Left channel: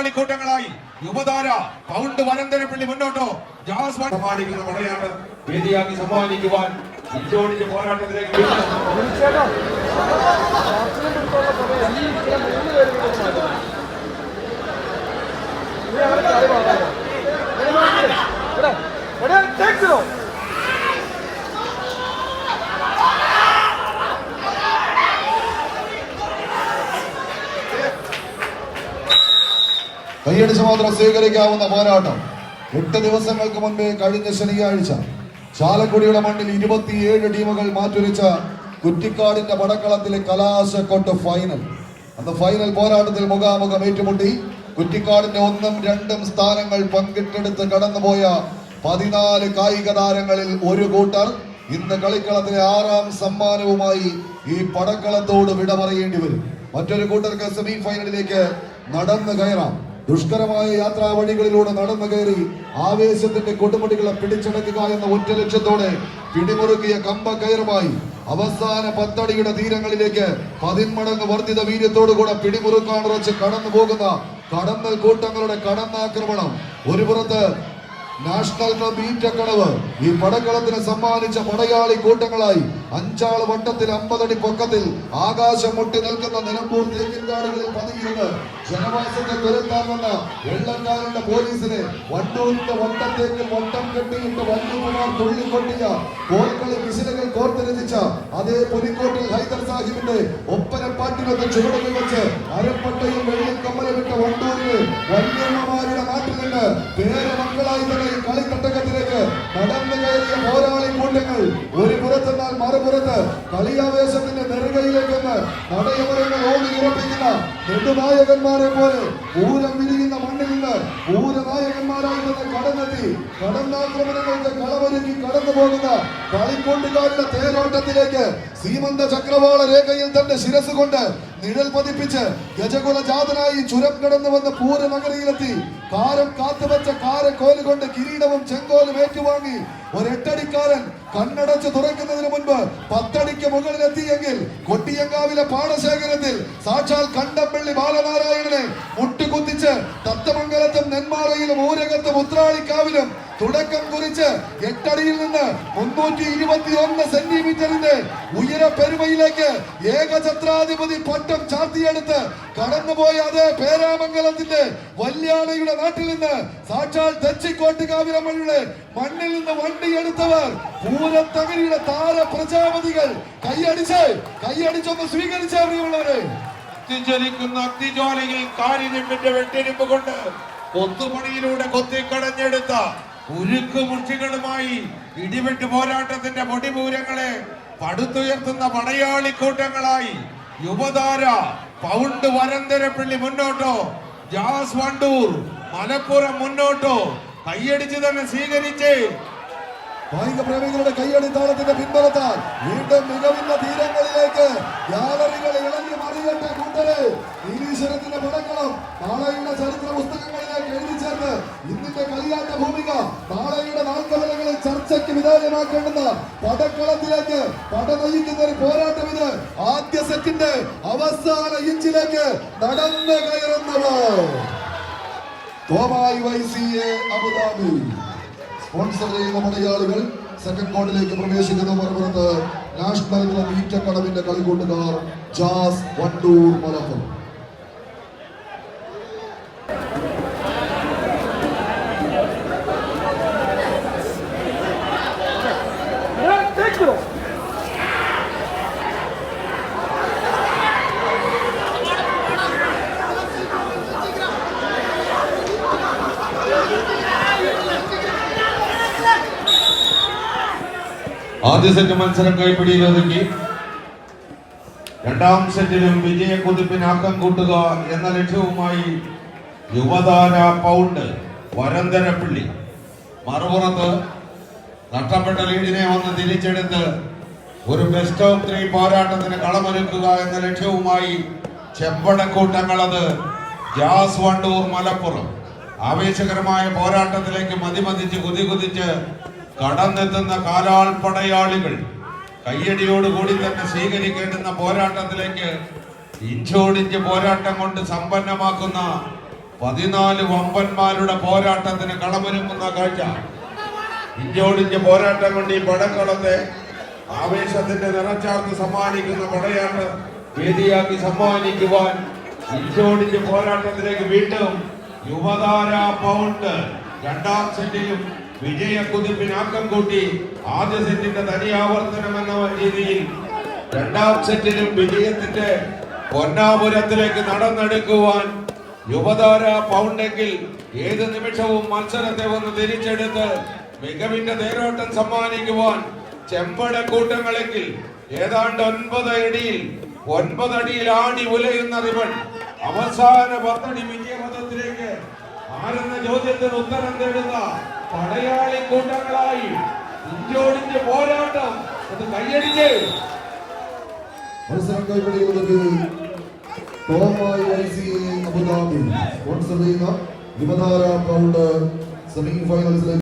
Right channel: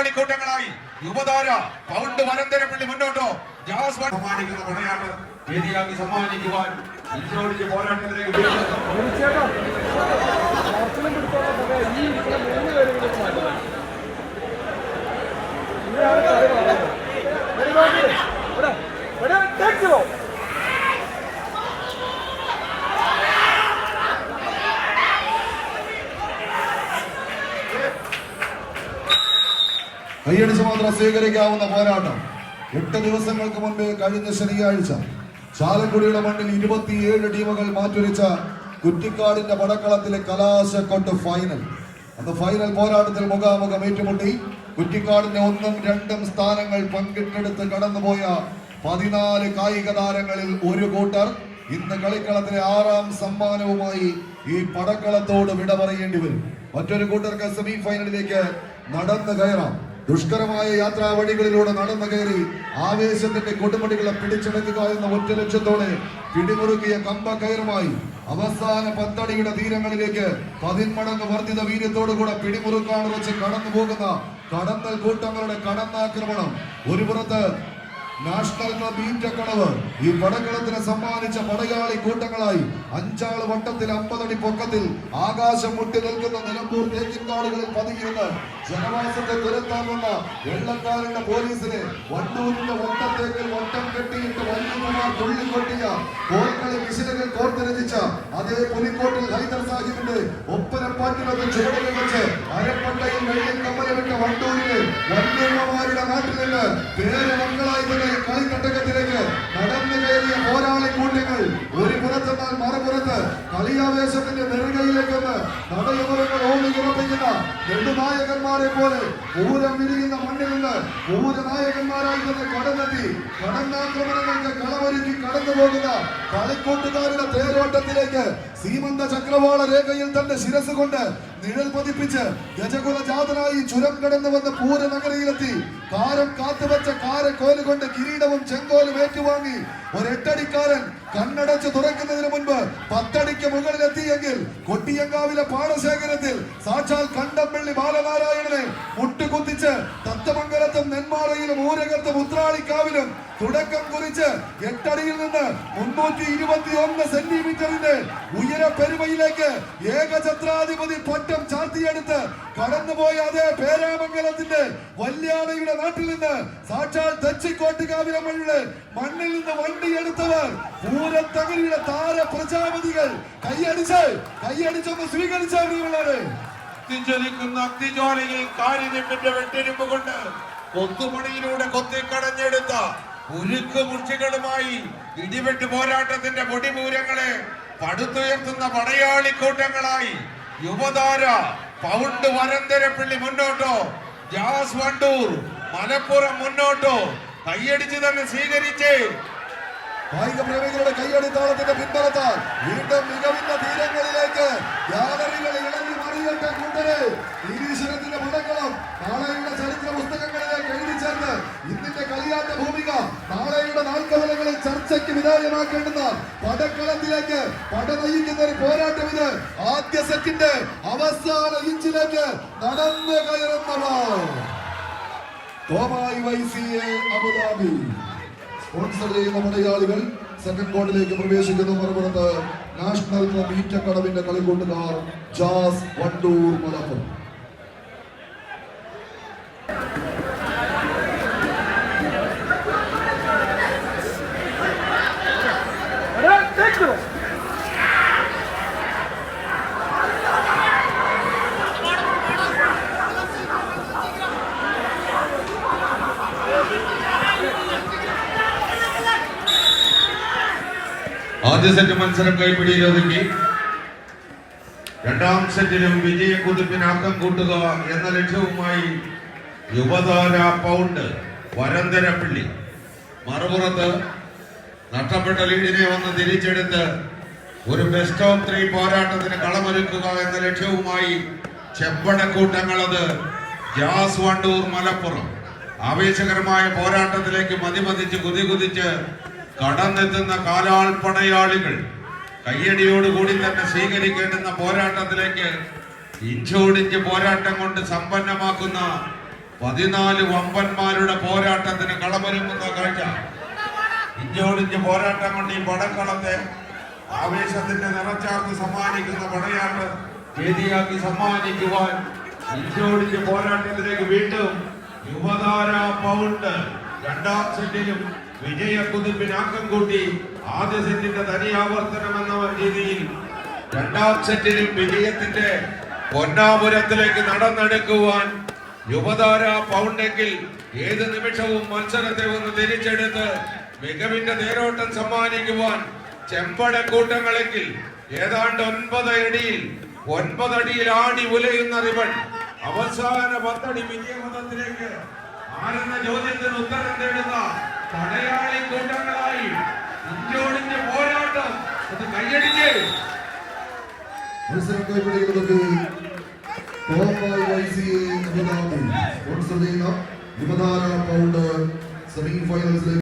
പടയാളി കൂട്ടങ്ങളായി Yuvathara pound Varandarappilly മുന്നോട്ടോ. Jazz സമ്മാനിക്കുന്ന പടയാട്ടം വേദിയാക്കി സമ്മാനിക്കുവാൻ ഇഞ്ചോടിച്ച് പോരാട്ടത്തിലേക്ക് കൈയടിച്ച് മാത്രം സ്വീകരിക്കാവുന്ന പോരാട്ടം എട്ട് ദിവസങ്ങൾക്ക് മുൻപേ കഴിഞ്ഞ ശനിയാഴ്ച ചാലക്കുടിയുടെ മണ്ണിൽ ഇരുപത്തിയേഴ് ടീമുകൾ മാറ്റുരച്ച കുറ്റിക്കാടിന്റെ പടക്കളത്തിലെ കലാശക്കൊട്ട് ഫൈനൽ അന്ന് ഫൈനൽ പോരാട്ടത്തിൽ മുഖാമുഖം ഏറ്റുമുട്ടി. കുറ്റിക്കാടിന്റെ ഒന്നും രണ്ടും സ്ഥാനങ്ങൾ പങ്കിട്ടെടുത്ത് കടന്നുപോയ പതിനാല് കായിക താരങ്ങളിൽ ഒരു കൂട്ടർ. ഇന്ന് കളിക്കളത്തിലെ ആറാം സമ്മാനവുമായി ഈ പടക്കളത്തോട് വിട പറയേണ്ടി വരും. മറ്റൊരു കൂട്ടർക്ക് സെമി ഫൈനലിലേക്ക് നടന്നു കയറാം. ദുഷ്കരമായ യാത്രാ വഴികളിലൂടെ നടന്നു കയറി ആവേശത്തിന്റെ കൊടുമുടികളെ പിടിച്ചെടുക്കുക എന്ന ഒറ്റ ലക്ഷ്യത്തോടെ പിടിമുറുക്കിയ കമ്പ കയറുമായി അവസാന പത്തടിയുടെ തീരങ്ങളിലേക്ക് പതിന്മടങ്ങ് വർദ്ധിത വീര്യത്തോടുകൂടെ പിടിമുറുക്കാൻ ഉറച്ച് കടന്നു പോകുന്ന കടന്നൽ കൂട്ടങ്ങളുടെ കടന്നാക്രമണം. ഒരു പുറത്ത് നാഷണൽ ക്ലബ് ഈറ്റക്കടവ് ഈ പടക്കളത്തിന് സമ്മാനിച്ച പടയാളി കൂട്ടങ്ങളായി അഞ്ചാൾ വട്ടത്തിൽ അമ്പതടി പൊക്കത്തിൽ ആകാശം മുട്ടി നിൽക്കുന്ന നിലമ്പൂർ തേക്കിൻകാടുകളിൽ പതിയിരുന്ന് ജനവാസത്തെ കരുത്താൻ വന്ന വെള്ളക്കാരന്റെ പോലീസിനെ വണ്ടൂരിന്റെ വട്ടത്തേക്കിൽ വട്ടം കെട്ടിയിട്ട് വണ്ടൂർമാർ തുള്ളിക്കൊട്ടിയ കോൽക്കളി വിശിലകൾ കോർത്തിരചിച്ച അതേ പുലിക്കോട്ടിൽ ഹൈദർ സാഹിബിന്റെ ഒപ്പരപ്പാട്ടിനൊക്കെ ചുവടുകൾ വെച്ച് കളിയാവേശത്തിന്റെ നെറുകയിലേക്കൊന്ന് നടയമരങ്ങൾ ഓടി ഉറപ്പിക്കുന്ന നെടുനായകന്മാരെ പോലെ ഊരം വിരിയുന്ന മണ്ണിൽ നിന്ന് പൂരനായകന്മാരായി തന്നെ കടന്നെത്തി. കടന്നാക്രമണങ്ങൾക്ക് കളമൊരുക്കി കടന്നു പോകുന്ന കളിക്കൂട്ടുകാരുടെ തേരോട്ടത്തിലേക്ക് സീമന്ത ചക്രവാള രേഖയിൽ തന്റെ ശിരസ് കൊണ്ട് നിഴൽ പതിപ്പിച്ച് ഗജകുല ജാതനായി ചുരം കടന്നു വന്ന് പൂരനഗരിയിലെത്തി കാരം കാത്തുവച്ച കാരക്കോൽ കൊണ്ട് കിരീടവും ചെങ്കോലും ഏറ്റുവാങ്ങി. ഒരെട്ടടിക്കാരൻ കണ്ണടച്ച് തുറക്കുന്നതിന് മുൻപ് പത്തടിക്ക് മുകളിലെത്തിയെങ്കിൽ കൊട്ടിയങ്കാവിലെ പാടശേഖരത്തിൽ സാക്ഷാൽ കണ്ടപ്പള്ളി ബാലനാരായണനെ മുട്ടുകുത്തിച്ച് തത്തമംഗലത്തും നെന്മാറയിലും ഊരകത്തും ഉത്രാളിക്കാവിലും തുടക്കം കുറിച്ച് എട്ടടിയിൽ നിന്ന് മുന്നൂറ്റി ഇരുപത്തി ഒന്ന് സെന്റിമീറ്ററിന്റെ ഉയര പെരുമയിലേക്ക് ഏകഛത്രാധിപതി പട്ടം ചാർത്തിയെടുത്ത് കടന്നുപോയ അതേ പേരാമംഗലത്തിന്റെ വല്യാളയുടെ നാട്ടിൽ നിന്ന് സാക്ഷാൽ തെച്ചിക്കോട്ടുകാവിലമ്മയുടെ മണ്ണിൽ നിന്ന് വണ്ടിയെടുത്തവർ പൂരത്തകരിയുടെ താര പ്രജാപതികൾ. കൈയടിച്ച് കൈയടിച്ചൊന്ന് സ്വീകരിച്ച കത്തിജ്വലിക്കുന്ന അഗ്നിജ്വാലയിൽ കാരിനിമ്പിന്റെ വെട്ടിരിപ്പ് കൊണ്ട് കൊത്തുപണിയിലൂടെ കൊത്തിക്കടഞ്ഞെടുത്ത ഉരുക്ക് മുർച്ചികളുമായി ഇടിവെട്ട് പോരാട്ടത്തിന്റെ പൊടിപൂരങ്ങളെ പടുത്തുയർത്തുന്ന പടയാളി കൂട്ടങ്ങളായി യുവതാര പൗണ്ട് വരന്തരപ്പള്ളി മുന്നോട്ടോ ജാസ് വണ്ടൂർ മലപ്പുറം മുന്നോട്ടോ കൈയടിച്ച് തന്നെ സ്വീകരിച്ച് കായിക പ്രേമികളുടെ കൈയടിത്താളത്തിന്റെ പിൻബലത്താൽ വീണ്ടും മികവിന്ന തീരങ്ങളിലേക്ക് ഗ്യാലറികൾ ഇളഞ്ഞു മറിയട്ടെ കൂട്ടരെ നിരീശ്വരത്തിന്റെ പടങ്ങളും നാളെയുടെ ചരിത്ര പുസ്തകങ്ങളിലേക്ക് എഴുതി ചേർന്ന് ഇന്നിന്റെ കളിയാട്ട ഭൂമിക നാളെയുടെ നാൽക്കവലകളിൽ ചർച്ചയ്ക്ക് വിധേയമാക്കേണ്ടുന്ന പടക്കളത്തിലേക്ക് പട നയിക്കുന്ന ഒരു പോരാട്ടം ഇത്. ആദ്യ സെറ്റിന്റെ അവസാന ഇഞ്ചിലേക്ക് നടന്നു കയറുന്നത് വൈസിയെ അബുദാബി സ്പോൺസർ ചെയ്യുന്ന മലയാളികൾ സെക്കൻഡ് കോർട്ടിലേക്ക് പ്രവേശിക്കുന്നു മറുപുറത്ത് നാഷണൽ ക്ലബ് ഈറ്റക്കടവിന്റെ കളിക്കൂട്ടുകാർ ജാസ് വണ്ടൂർ മലപ്പുറം ആദ്യ സെറ്റ് മത്സരം കൈപ്പിടിയിലൊതുക്കി രണ്ടാം സെറ്റിലും വിജയ കുതിപ്പിന് ആക്കം കൂട്ടുക എന്ന ലക്ഷ്യവുമായി യുവതാര പൗണ്ട് വരന്തരപ്പിള്ളി മറുപുറത്ത് നഷ്ടപ്പെട്ട ലീഡിനെ വന്ന് തിരിച്ചെടുത്ത് ഒരു ബെസ്റ്റ് ഓഫ് ത്രീ പോരാട്ടത്തിന് കളമൊരുക്കുക എന്ന ലക്ഷ്യവുമായി ചെമ്പടക്കൂട്ടങ്ങളത് ജാസ് വണ്ടൂർ മലപ്പുറം. ആവേശകരമായ പോരാട്ടത്തിലേക്ക് മതിമതിച്ച് കുതി കുതിച്ച് കടന്നെത്തുന്ന കാലാൾ പടയാളികൾ കയ്യടിയോടുകൂടി തന്നെ സ്വീകരിക്കേണ്ടുന്ന പോരാട്ടത്തിലേക്ക് ഇഞ്ചോടിഞ്ച് പോരാട്ടം കൊണ്ട് സമ്പന്നമാക്കുന്ന പതിനാല് വമ്പന്മാരുടെ പോരാട്ടത്തിന് കളമൊരുങ്ങുന്ന കാഴ്ച. ഇഞ്ചോടിഞ്ച് പോരാട്ടം കൊണ്ട് ഈ പടക്കളത്തെ ആവേശത്തിന്റെ നിറച്ചാർത്ത് സമ്മാനിക്കുന്ന പടയാട്ട് വേദിയാക്കി സമ്മാനിക്കുവാൻ ഇഞ്ചോടിഞ്ച് പോരാട്ടത്തിലേക്ക് വീണ്ടും യുവതാര പൗണ്ട് രണ്ടാം സെറ്റിലും വിജയക്കുതിപ്പിന് ആക്കം കൂട്ടി ആദ്യ സെറ്റിന്റെ തനിയാവർത്തനം എന്ന രീതിയിൽ രണ്ടാം സെറ്റിലും വിജയത്തിന്റെ പൊന്നാപുരത്തിലേക്ക് നടന്നെടുക്കുവാൻ യുവതാര പൗണ്ടെങ്കിൽ ഏത് നിമിഷവും മത്സരത്തെ ഒന്ന് തിരിച്ചെടുത്ത് മികവിന്റെ നേരോട്ടം സമ്മാനിക്കുവാൻ ചെമ്പട കൂട്ടങ്ങളെങ്കിൽ ഏതാണ്ട് ഒൻപത് അടിയിൽ ഒൻപതടിയിൽ ആടി ഉലയുന്ന റിവൺ അവസാന പത്തടി വിജയപഥത്തിലേക്ക് ആരെന്ന ചോദ്യത്തിന് ഉത്തരം തേടുന്ന പടയാളി കൂട്ടങ്ങളായി ഇഞ്ചോടിഞ്ച് പോരാട്ടം അത് കൈയടിച്ച്. മത്സരം ഐസി അബുദാബി. സ്പോൺസർ ചെയ്യുന്ന യുവതാര പൗണ്ട് സെമി ഫൈനൽസിലേക്ക്